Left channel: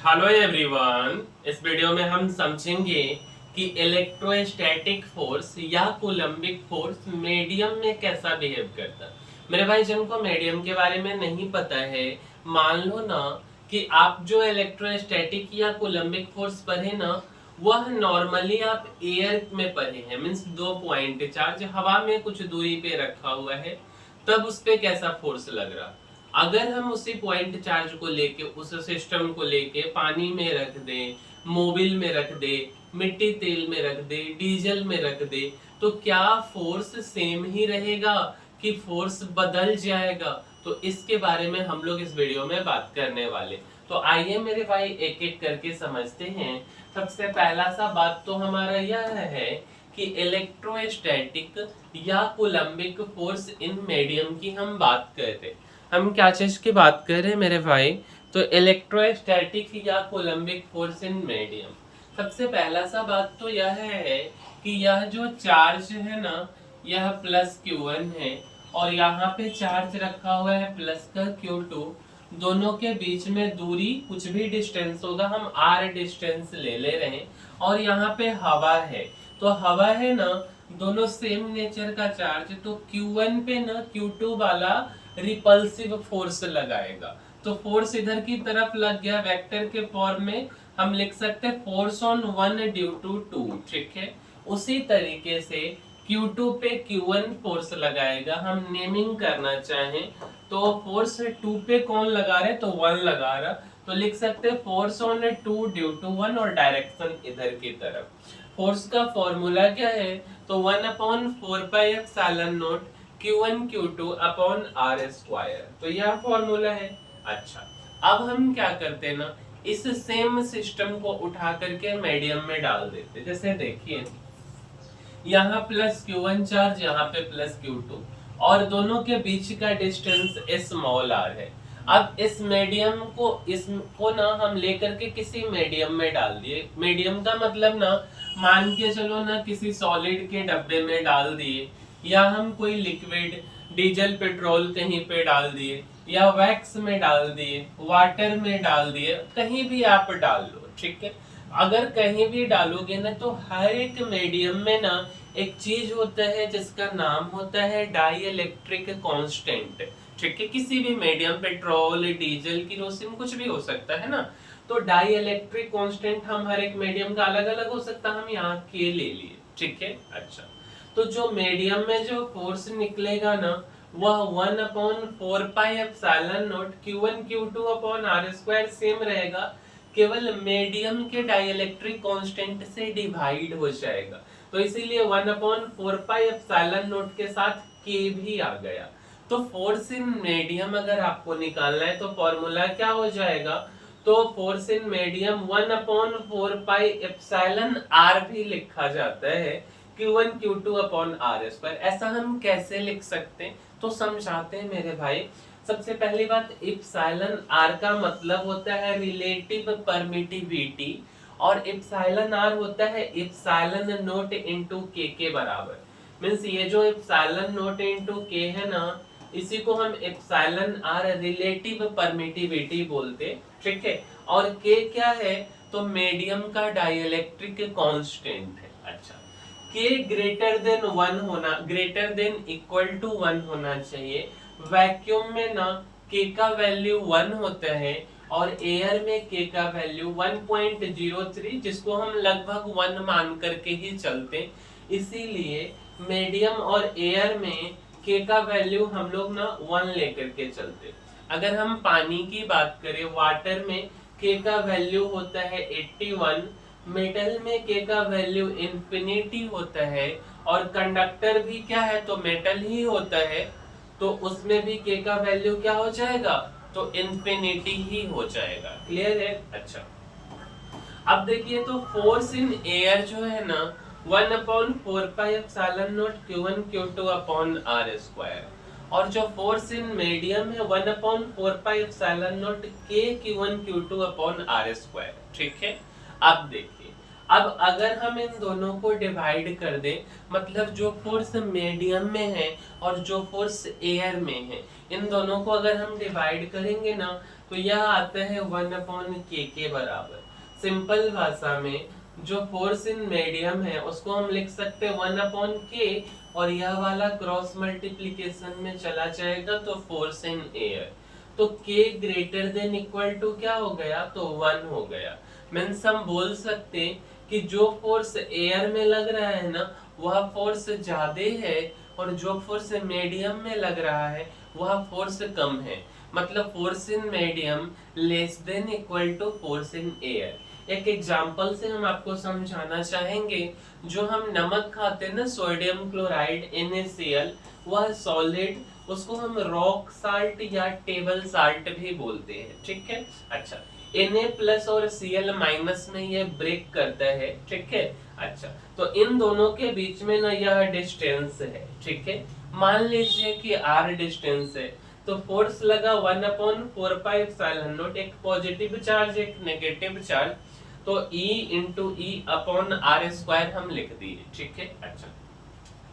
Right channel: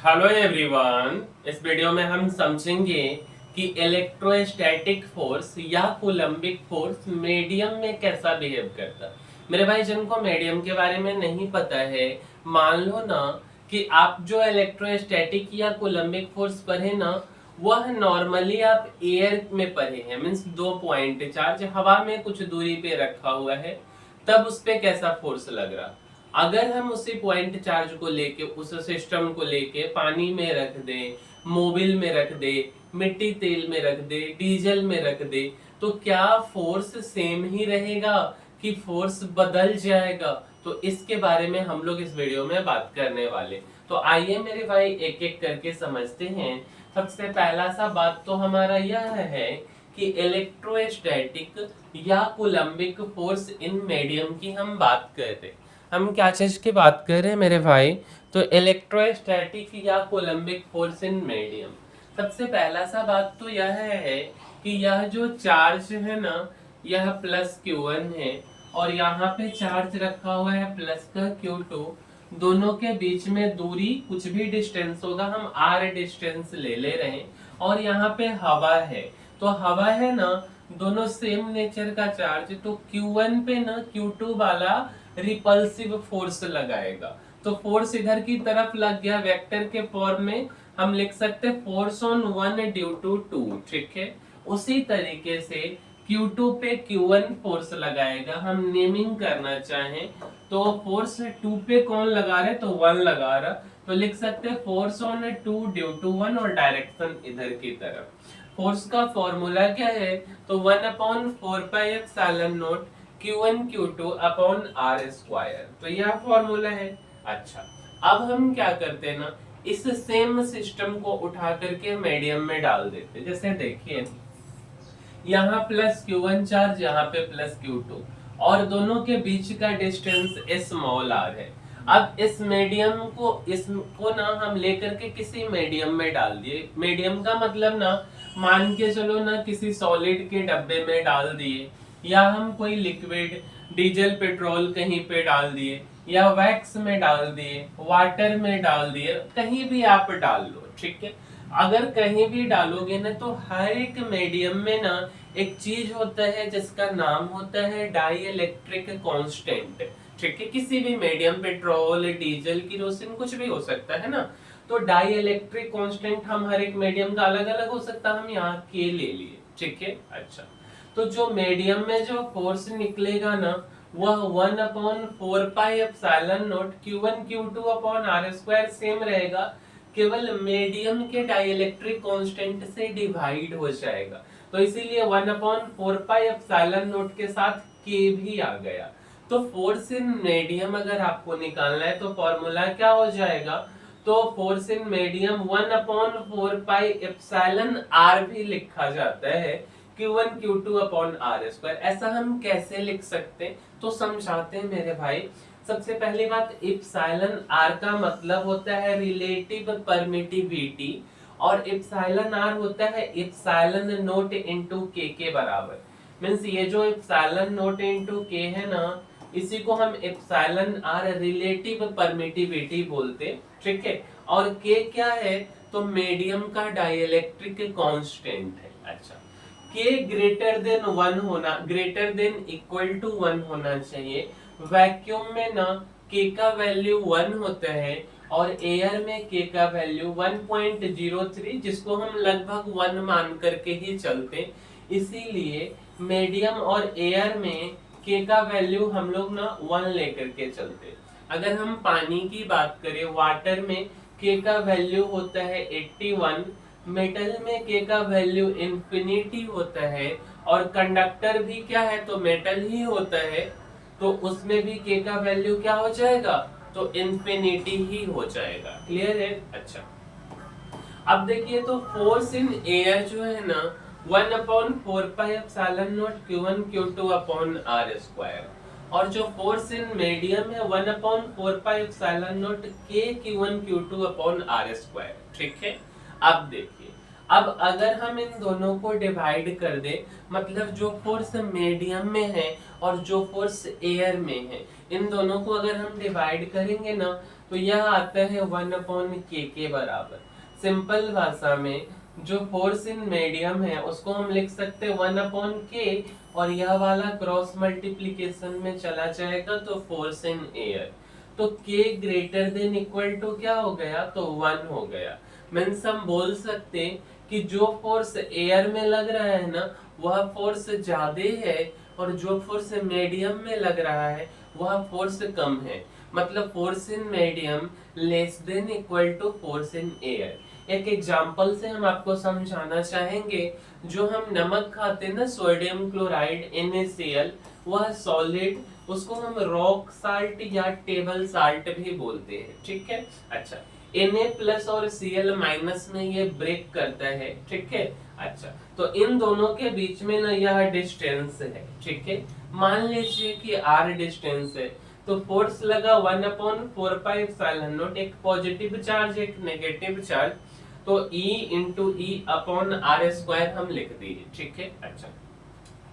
Hello everyone. इस video में हम समझेंगे कि इलेक्ट्रोस्टैटिक फोर्स या कूलम्बिक फोर्स मीडियम में कैसा बिहेव करता है। मेरे भाई जिनको मीडियम के बारे में नहीं पता है, मान लो ना कि आप जो इलेक्ट्रोस्टैटिक या कूलम्बिक फोर्स पढ़े ना, वह नॉर्मली आप एयर में पढ़े हैं। मीन्स दो पॉइंट चार्ज हवा में कुछ दूरी पे रखा हुआ है, तब उस पे कैसा फोर्स लग रहा। अगर हम उसी पॉइंट चार्ज को लेके, उस सिस्टम को लेके पानी में रख दें, मोबिल में रख दे, मिट्टी तेल में रख दे, डीजल में रख दे, तो क्या फोर्स सेम ही रहेगा कि फोर्स बदल जाएगा? तो इसके बारे में हम लोग इस वीडियो में बात करने वाले। तो आइए मेरे भाई एक एक करके समझते हैं। सबसे पहला सा बात तो हमारा यह है कि इलेक्ट्रोस्टैटिक या कूलम्बिक फोर्स इन मीडियम की हम बात कर रहे हैं। हम क्या चीज की बात कर रहे हैं मेरे भाई? तो इलेक्ट्रोस्टैटिक या कोलम्बिक फोर्स इन मीडियम। सबसे पहला सा बात तो यह है कि यह जो चार्ज है ना, यह प्लस Q1 है और यहाँ पे चार्ज रखा हुआ है प्लस का Q2। दोनों के बीच में दूरी कुछ भी डिस्टेंस होगा, हम R डिस्टेंस ले रहे हैं। और यहाँ पे हवा है, तो हवा है ना, दोनों सेम नेचर का चार्ज, तो Q1 पे ना Q2 वाला रिपल्सिव फोर्स लगाएगा। तो फोर्स इधर की तरफ लग गया, वेक्टर के फॉर्म में हम लिख सकते force on one due to two. ठीक है, उसी तरीके से Q2 पे Q1 फोर्स लगाएगा। हम नेमिंग करना चाहें तो फोर्स 2 पे कौन लगा रहे, तो 1 लगा रहा, तो लिख सकते फोर्स ऑन 2 ड्यू टू 1 और डायरेक्शन इधर की तरफ। फोर्स का फॉर्मूला क्या है, तो 1/4πε0 Q1 Q2 upon R square. तो यह फॉर्मूला है। अच्छा, अब हम क्या करते हैं ना, इस सेम सिस्टम को उठा करके मीडियम में डाल देते। जैसे देखिए, यहाँ प्लस Q1 चार्ज, यहाँ पे प्लस Q2 और दोनों के बीच का डिस्टेंस स्मॉल r है। अब इस मीडियम को, इसको ना हम लेकर के किसी मीडियम में डाल दिए। मीडियम का मतलब ना, मान के चलो ना किसी सॉलिड के डब्बे में डाल दिए, या हम कोई लिक्विड डीजल पेट्रोल कहीं पे डाल दिए, या वैक्स में डाल दिए, वाटर में डाल दिए, कहीं भी आप डाल लो। ठीक है, अगर कहीं भी डालोगे ना, तो हर एक मीडियम में ना एक चीज होता है जिसका नाम होता है डाई इलेक्ट्रिक कांस्टेंट। ठीक है, किसी भी मीडियम, पेट्रोल, डीजल, केरोसिन, कुछ भी हो सकता है ना। तो डाई इलेक्ट्रिक कांस्टेंट हम हर एक मीडियम का अलग अलग हो सकता है, हम यहाँ के ले लिए। ठीक है, अच्छा, तो जो मीडियम में जो फोर्स निकलेगा ना, वह 1/4πε0 Q1 Q2 upon R square same रहेगा, केवल मीडियम के डाइलेक्ट्रिक कांस्टेंट से डिवाइड हो जाएगा। तो इसीलिए 1/4πε0 के साथ K भी आ गया। तो फोर्स इन मीडियम अगर आपको निकालना है तो फॉर्मूला क्या हो जाएगा, तो फोर्स इन मीडियम 1/4πε भी लिखा जाता है, Q1 Q2 upon R square. ऐसा हम कैसे लिख सकते हैं, तो समझाते हैं मेरे भाई। सबसे पहली बात, इप्सिलॉन आर का मतलब होता है रिलेटिव परमिटिविटी, और इप्सिलॉन आर होता है इप्सिलॉन नोट इनटू के बराबर। मींस ये जो इप्सिलॉन नोट इनटू के है ना, इसी को हम इप्सिलॉन आर रिलेटिव परमिटिविटी बोलते। ठीक है, और के क्या है, तो मीडियम का डाइलेक्ट्रिक कांस्टेंट है। अच्छा, के ग्रेटर देन 1 होना, ग्रेटर देन इक्वल टू 1 होना चाहिए। वैक्यूम में ना के का वैल्यू 1 होता है और एयर में के का वैल्यू 1.03, जिसको हम लगभग 1 मान करके ही चलते। इसीलिए मीडियम और एयर में के का वैल्यू हम लोग ना 1 लेकर के चलते। अगर हम पानी की बात करें, वाटर में के का वैल्यू होता है 81, मेटल में के का वैल्यू इंफिनिटी होता है, और कंडक्टर भी क्या है, तो मेटल ही होता है, तो उसमें भी के का वैल्यू क्या हो जाएगा, तो इंफिनिटी ही हो जाएगा। क्लियर है? अच्छा, अब देखिए, तो फोर्स इन एयर जो है ना, 1/4πε0 Q1 Q2 upon R square, और जो फोर्स इन मीडियम है 1/4πε0 K Q1 Q2 upon R square. ठीक है, अब देखिए, अब अगर हम इन दोनों को डिवाइड कर दे, मतलब जो फोर्स मीडियम में है और जो फोर्स एयर में है, इन दोनों को अगर हम डिवाइड करेंगे ना, तो यह आता है 1/k के बराबर। सिंपल भाषा में जो फोर्स इन मीडियम है उसको हम लिख सकते हैं 1/k, और यह वाला क्रॉस मल्टीप्लीकेशन में चला जाएगा तो फोर्स इन एयर। तो k greater than equal to क्या हो गया, तो 1 हो गया। मीन्स हम बोल सकते कि जो फोर्स एयर में लग रहा है ना वह फोर्स ज्यादा है, और जो फोर्स मीडियम में लग रहा है वह फोर्स कम है। मतलब force in medium less than equal to force in air. एक एग्जांपल से हम आपको समझाना चाहेंगे। जो हम नमक खाते हैं ना, सोडियम क्लोराइड NaCl, वह सॉलिड, उसको हम रॉक साल्ट या टेबल साल्ट भी बोलते हैं, ठीक है। अच्छा, Na प्लस और Cl माइनस में ये ब्रेक करता है, ठीक है। अच्छा, तो इन दोनों के बीच में ना यह डिस्टेंस है, ठीक है। मान लीजिए कि r डिस्टेंस है, तो फोर्स लगा 1/4πε0, एक पॉजिटिव चार्ज एक नेगेटिव चार्ज, तो E into E upon r square हम लिख दिए, ठीक है। अच्छा,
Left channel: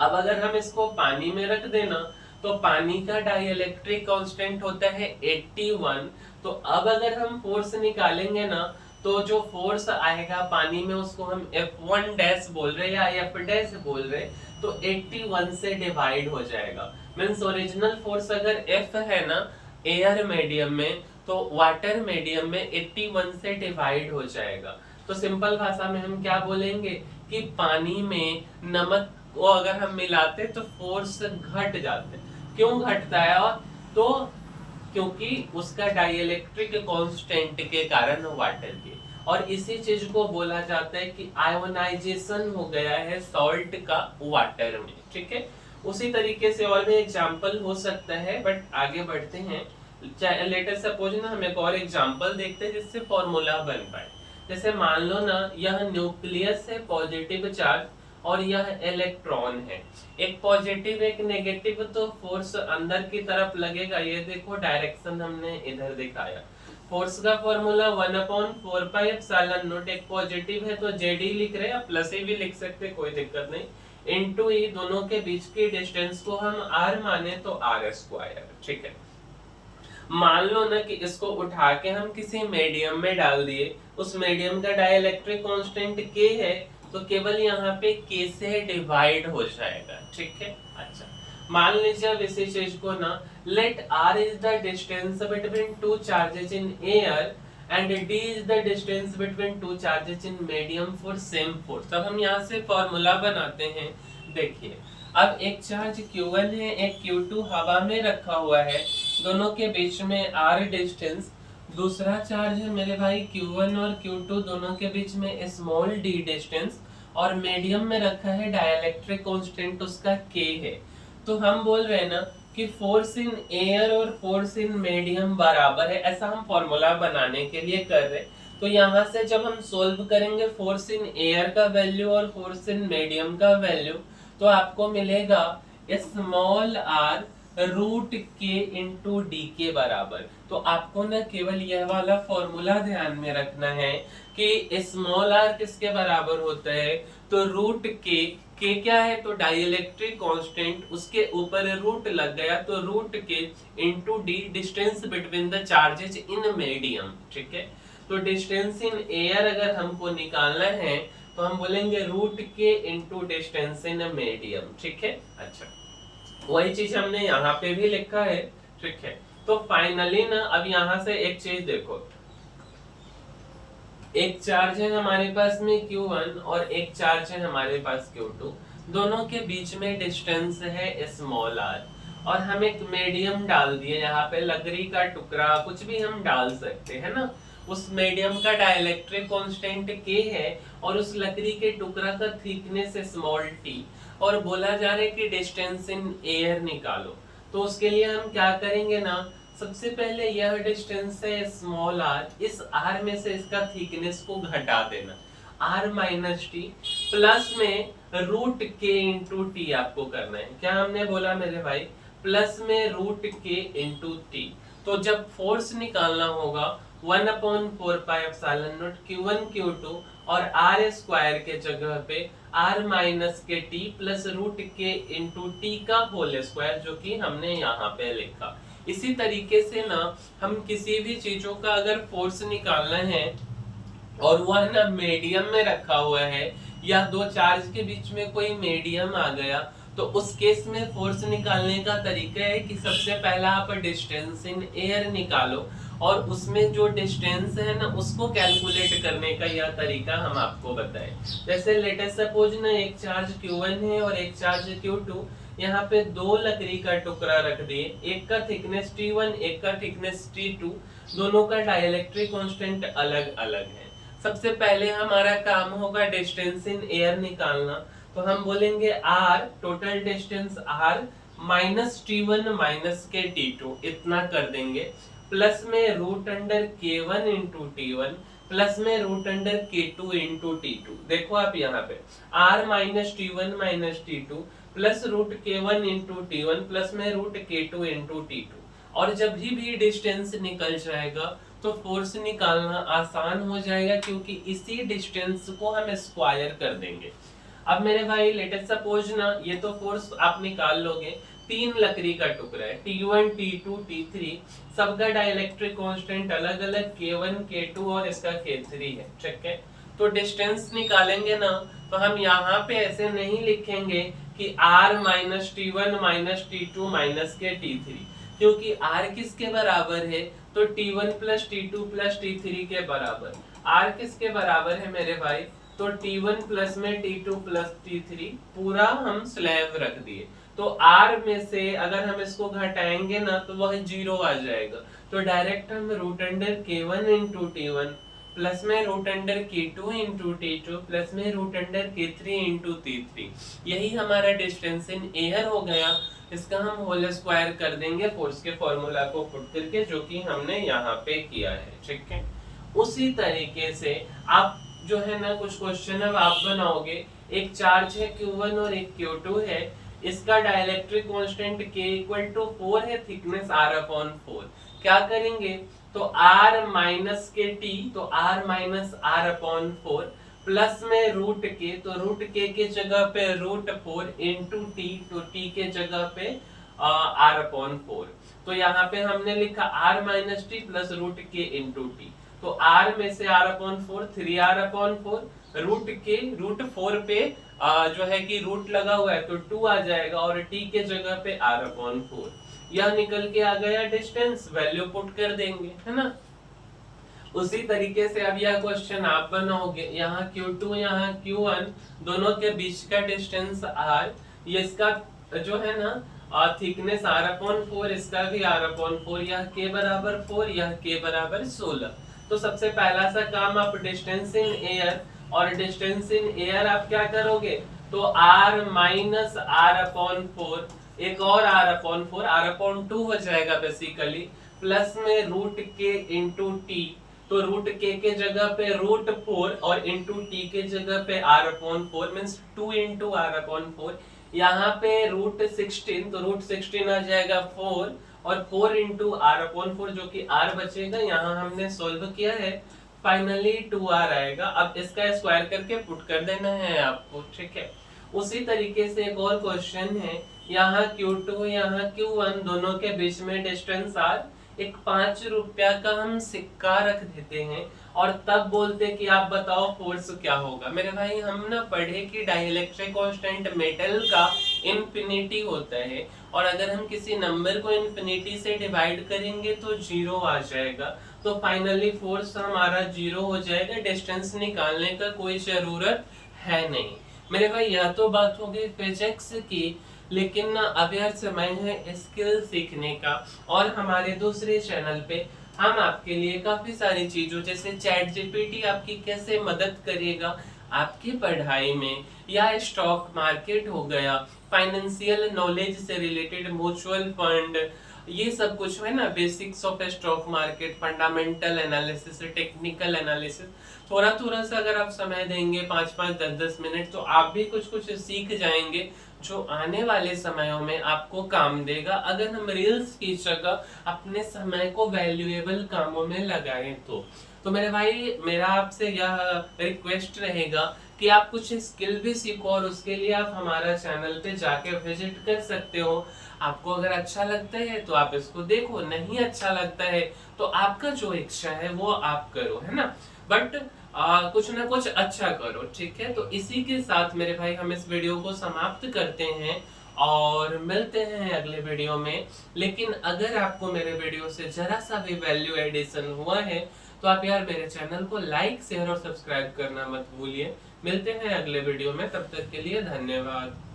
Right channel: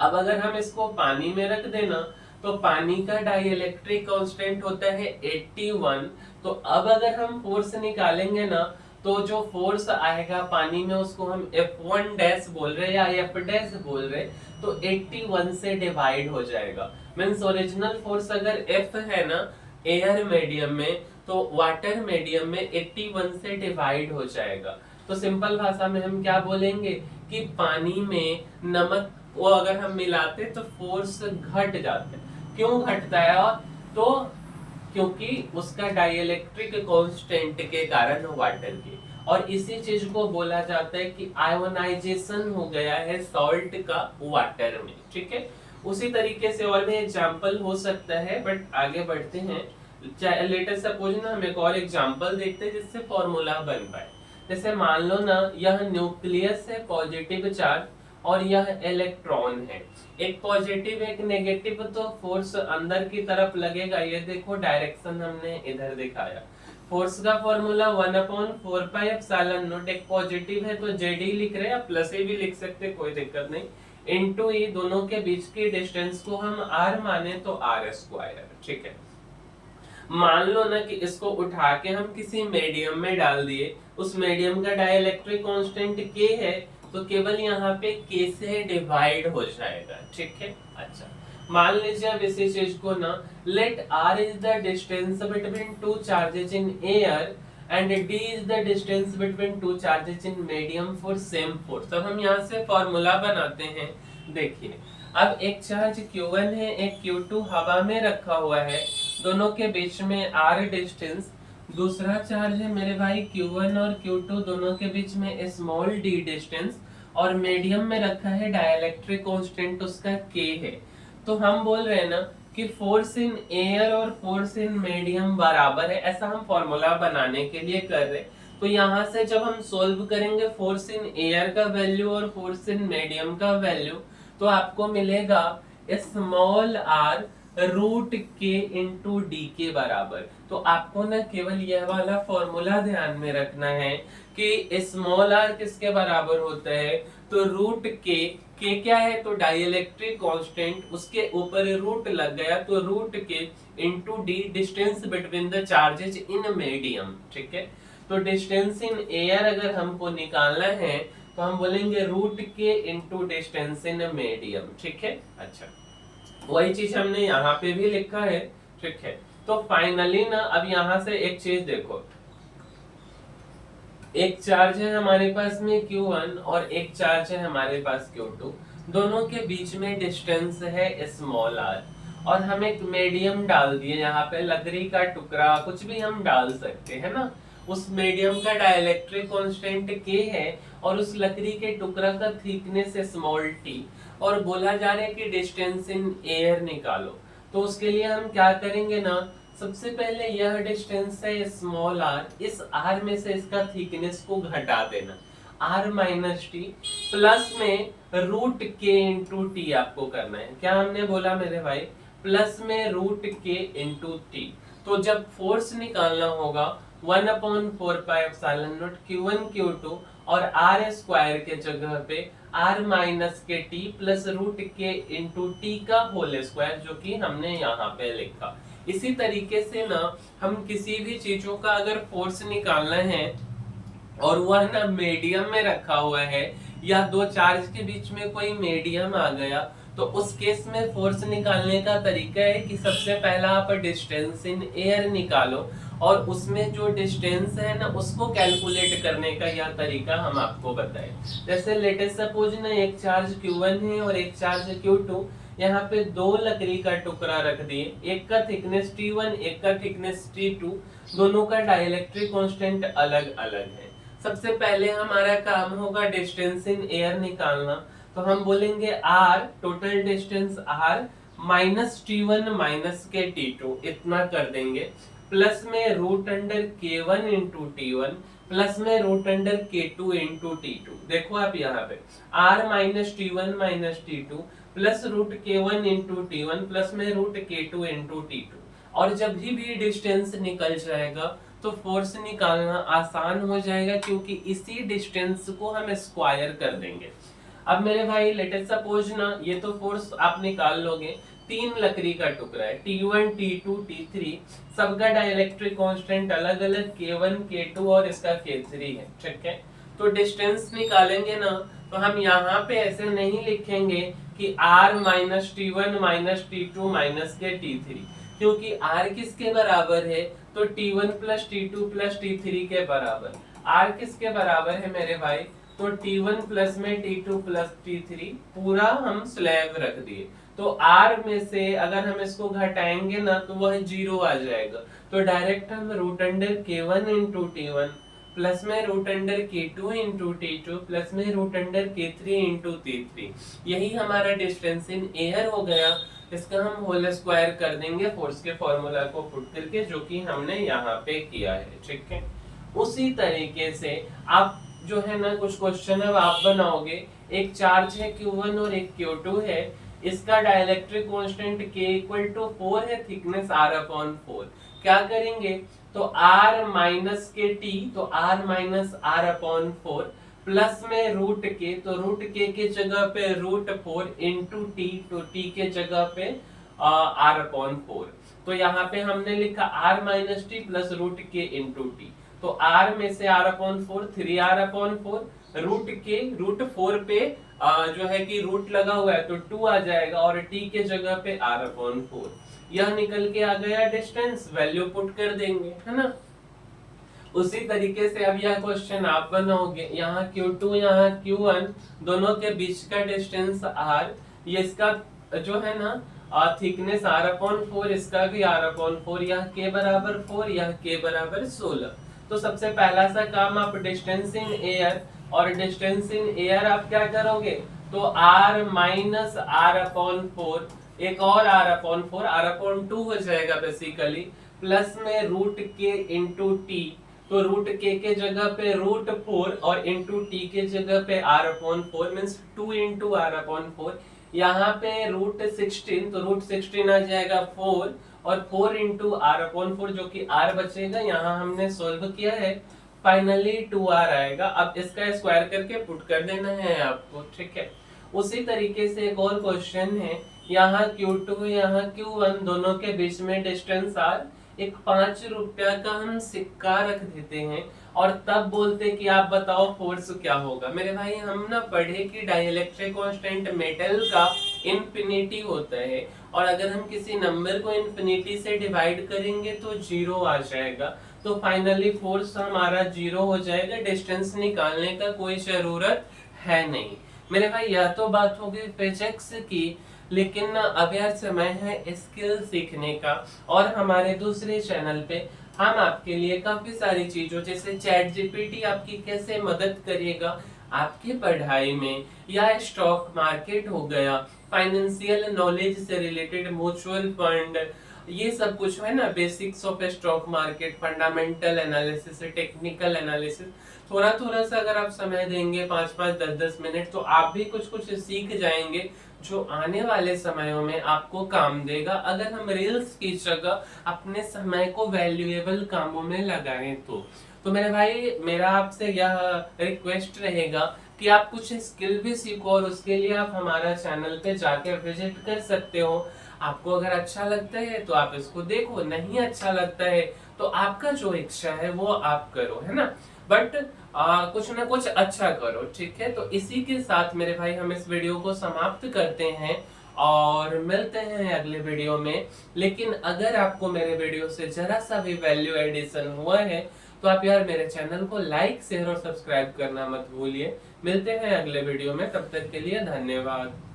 अब अगर हम इसको पानी में रख देना तो पानी का डाइइलेक्ट्रिक कांस्टेंट होता है 81। तो अब अगर हम फोर्स निकालेंगे ना तो जो फोर्स आएगा पानी में उसको हम F1 डैश बोल रहे हैं या F डैश बोल रहे, तो 81 से डिवाइड हो जाएगा। मींस ओरिजिनल फोर्स अगर F है ना एयर मीडियम में, तो वाटर मीडियम में 81 से डिवाइड हो जाएगा। तो सिंपल भाषा में हम क्या बोलेंगे कि पानी में नमक वो अगर हम मिलाते तो फोर्स घट जाते। क्यों घटता है? और तो क्योंकि उसका डाइइलेक्ट्रिक कांस्टेंट के कारण वाटर के, और इसी चीज को बोला जाता है कि आयोनाइजेशन हो गया है सॉल्ट का वाटर में, ठीक है। उसी तरीके से और भी एग्जांपल हो सकता है, बट आगे बढ़ते हैं। लेटर सपोज ना हम एक और एग्जांपल देखते हैं जिससे फॉर्मूला बन पाए। जैसे मान लो ना यह न्यूक्लियस है पॉजिटिव चार्ज और यह इलेक्ट्रॉन है, एक पॉजिटिव एक नेगेटिव, तो फोर्स अंदर की तरफ लगेगा। ये देखो डायरेक्शन हमने इधर दिखाया। फोर्स का फॉर्मूला 1/4πε0, एक पॉजिटिव है तो जेडी लिख रहे हैं, प्लस ए भी लिख सकते, कोई दिक्कत नहीं, इनटू ई, दोनों के बीच की डिस्टेंस को हम r माने तो r स्क्वायर, ठीक है। मान लो ना कि इसको उठा के हम किसी मीडियम में डाल दिए, उस मीडियम का डाइइलेक्ट्रिक कांस्टेंट k है, तो केवल यहाँ पे k से डिवाइड हो जाएगा, ठीक है। अच्छा, मान लीजिए अब इसी चीज को ना, let r is the distance between two charges in air and d is the distance between two charges in medium for same force. तब हम यहाँ से फॉर्मूला बनाते हैं। देखिए, अब एक चार्ज Q1 है, एक Q2 हवा में रखा हुआ है, दोनों के बीच में r डिस्टेंस। दूसरा चार्ज है मेरे भाई Q1 और Q2, दोनों के बीच में स्मॉल d डिस्टेंस, और मीडियम में रखा है डाइइलेक्ट्रिक कांस्टेंट, उसका k है। तो हम बोल रहे हैं ना कि फोर्स इन एयर और फोर्स इन मीडियम बराबर है, ऐसा हम फॉर्मूला बनाने के लिए कर रहे हैं। तो यहाँ से जब हम सोल्व करेंगे फोर्स इन एयर का वैल्यू और फोर्स इन मीडियम का वैल्यू, तो आपको मिलेगा small r root K into D के बराबर। तो आपको ना केवल यह वाला फॉर्मूला ध्यान में रखना है कि स्मॉल r किसके बराबर होता है, तो रूट के क्या है, तो डाइइलेक्ट्रिक कांस्टेंट, उसके ऊपर रूट लग गया तो root K into D, distance between the charges in medium, ठीक है। तो डिस्टेंस इन एयर अगर हमको निकालना है तो हम बोलेंगे root K into distance in medium, ठीक है। अच्छा, वही चीज हमने यहाँ पे भी लिखा है, ठीक है। तो फाइनली ना अब यहाँ से एक चीज देखो, एक चार्ज है हमारे पास में Q1 और एक चार्ज है हमारे पास Q2, दोनों के बीच में डिस्टेंस है स्मॉल r, और हम एक मीडियम डाल दिए, यहाँ पे लकड़ी का टुकड़ा कुछ भी हम डाल सकते हैं ना। उस मीडियम का डाइइलेक्ट्रिक कांस्टेंट k है और उस लकड़ी के टुकड़ा का थिकनेस स्मॉल t, और बोला जा रहा है कि डिस्टेंस इन एयर निकालो। तो उसके लिए हम क्या करेंगे ना, सबसे पहले यह डिस्टेंस है स्मॉल r, इस r में से इसका थिकनेस को घटा देना, r माइनस टी, प्लस में रूट के इंटू टी आपको करना है। क्या हमने बोला मेरे भाई, प्लस में रूट के इंटू टी। तो जब फोर्स निकालना होगा 1/4πε0 Q1 Q2 और r स्क्वायर के जगह पे r माइनस के T plus root K into T का होल स्क्वायर, जो कि हमने यहाँ पे लिखा। इसी तरीके से ना हम किसी भी चीजों का अगर फोर्स निकालना है और वह ना मीडियम में रखा हुआ है या दो चार्ज के बीच में कोई मीडियम आ गया, तो उस केस में फोर्स निकालने का तरीका है कि सबसे पहला आप डिस्टेंस इन एयर निकालो और उसमें जो डिस्टेंस है ना उसको कैलकुलेट करने का यह तरीका हम आपको बताएं। जैसे लेटेस्ट सपोज ना एक चार्ज Q1 है और एक चार्ज Q2, यहाँ पे दो लकड़ी का टुकड़ा रख दिए, एक का थिकनेस T1 एक का थिकनेस T2, दोनों का डाइलेक्ट्रिक कांस्टेंट अलग अलग है। सबसे पहले हमारा काम होगा डिस्टेंस इन एयर निकालना, तो हम बोलेंगे R total distance R minus T1 minus के T2 इतना कर देंगे, प्लस में root under K1 into T1 plus में root under K2 into T2। देखो आप यहाँ पे R minus T1 minus T2 plus root K1 into T1 plus में रूट K2 इंटू T2। और जब भी डिस्टेंस निकल जाएगा तो फोर्स निकालना आसान हो जाएगा, क्योंकि इसी डिस्टेंस को हम स्क्वायर कर देंगे। अब मेरे भाई लेटेस्ट सपोज ना ये तो फोर्स आप निकाल लोगे, तीन लकड़ी का टुकड़ा है T1 T2 T3, सबका डाइलेक्ट्रिक कांस्टेंट अलग अलग K1 K2 और इसका K3 है, ठीक है। तो डिस्टेंस निकालेंगे ना तो हम यहाँ पे ऐसे नहीं लिखेंगे कि R minus T1 minus T2 minus के T3, क्योंकि R किसके बराबर है, तो T1 plus T2 plus T3 के बराबर। R किसके बराबर है मेरे भाई, तो T1 प्लस में T2 प्लस T3 पूरा हम स्लैब रख दिए। तो R में से अगर हम इसको घटाएंगे ना तो वह 0 आ जाएगा, तो डायरेक्ट हम root under K1 into T1 plus में root under K2 into T2 plus में root under K3 into T3, यही हमारा डिस्टेंस इन एयर हो गया। इसका हम होल स्क्वायर कर देंगे फोर्स के फॉर्मूला को पुट करके, जो कि हमने यहाँ पे किया है, ठीक है। उसी तरीके से आप जो है ना कुछ क्वेश्चन अब आप बनाओगे, एक चार्ज है Q1 और एक Q2 है, इसका dielectric constant K equal to 4 है, थिकनेस R/4। क्या करेंगे, तो R माइनस के T, तो R माइनस R/4 प्लस में रूट के, तो रूट के जगह पे रूट 4 इंटू टी, तो टी के जगह पे R/4। तो यहाँ पे हमने लिखा R minus T plus root K into T, तो R में से R/4 3R/4, रूट के रूट 4 पे जो है कि रूट लगा हुआ है तो 2 आ जाएगा और t के जगह पे R/4, यह निकल के आ गया डिस्टेंस, वैल्यू पुट कर देंगे, है ना। उसी तरीके से अब यह क्वेश्चन आप बनाओगे, यहाँ Q2 यहाँ Q1 दोनों के बीच का डिस्टेंस R, ये इसका जो है ना थिकनेस R/4, इसका भी R/4, यह K बराबर 4 यह K बराबर 16। तो सबसे पहला सा काम आप डिस्टेंस इन एयर, और डिस्टेंस इन एयर आप क्या करोगे, तो R माइनस R/4 एक और R/4 हो जाएगा बेसिकली, प्लस में रूट के इंटू टी, तो रूट के जगह पे रूट 4 और इंटू टी के जगह पे R/4 मींस 2 इंटू R/4, यहाँ पे रूट 16, तो रूट 16 आ जाएगा 4 और 4 इंटू R/4 जो कि R बचेगा, यहाँ हमने सोल्व किया है, फाइनली 2R आएगा। अब इसका स्क्वायर करके पुट कर देना है आपको, ठीक है। उसी तरीके से एक और क्वेश्चन है, यहाँ Q2 यहाँ Q1 दोनों के बीच में डिस्टेंस R, एक 5 रुपया का हम सिक्का रख देते हैं और तब बोलते कि आप बताओ फोर्स क्या होगा। मेरे भाई हम ना पढ़े कि डाइलेक्ट्रिक कांस्टेंट मेटल का इंफिनिटी होता है, और अगर हम किसी नंबर को इंफिनिटी से डिवाइड करेंगे तो 0 आ जाएगा, तो फाइनली फोर्स हमारा 0 हो जाएगा, डिस्टेंस निकालने का कोई जरूरत है नहीं। मेरे भाई यह तो बात हो गई फिजिक्स की, लेकिन अब यार समय है स्किल सीखने का, और हमारे दूसरे चैनल पे हम आपके लिए काफी सारी चीजों जैसे चैट जीपीटी आपकी कैसे मदद करेगा आपकी पढ़ाई में, या स्टॉक मार्केट हो गया, फाइनेंशियल नॉलेज से रिलेटेड म्यूचुअल फंड, ये सब कुछ है ना, basics of stock market, fundamental analysis, technical analysis, थोड़ा थोड़ा सा अगर आप समय देंगे 5-5 10-10 मिनट, तो आप भी कुछ कुछ सीख जाएंगे जो आने वाले समयों में आपको काम देगा, अगर हम रील्स की जगह अपने समय को वैल्यूएबल कामों में लगाएं तो मेरे भाई मेरा आपसे यह रिक्वेस्ट रहेगा कि आप कुछ स्किल भी सीखो, और उसके लिए आप हमारा चैनल पे जाके विजिट कर सकते हो। आपको अगर अच्छा लगता है तो आप इसको देखो, नहीं अच्छा लगता है तो आपका जो इच्छा है वो आप करो, है ना। बट कुछ ना कुछ अच्छा करो, ठीक है। तो इसी के साथ मेरे भाई हम इस वीडियो को समाप्त करते हैं और मिलते हैं अगले वीडियो में। लेकिन अगर आपको मेरे वीडियो से जरा सा भी वैल्यू एडिशन हुआ है तो आप यार मेरे चैनल को लाइक शेयर और सब्सक्राइब करना मत भूलिए। मिलते हैं अगले वीडियो में, तब तक के लिए धन्यवाद।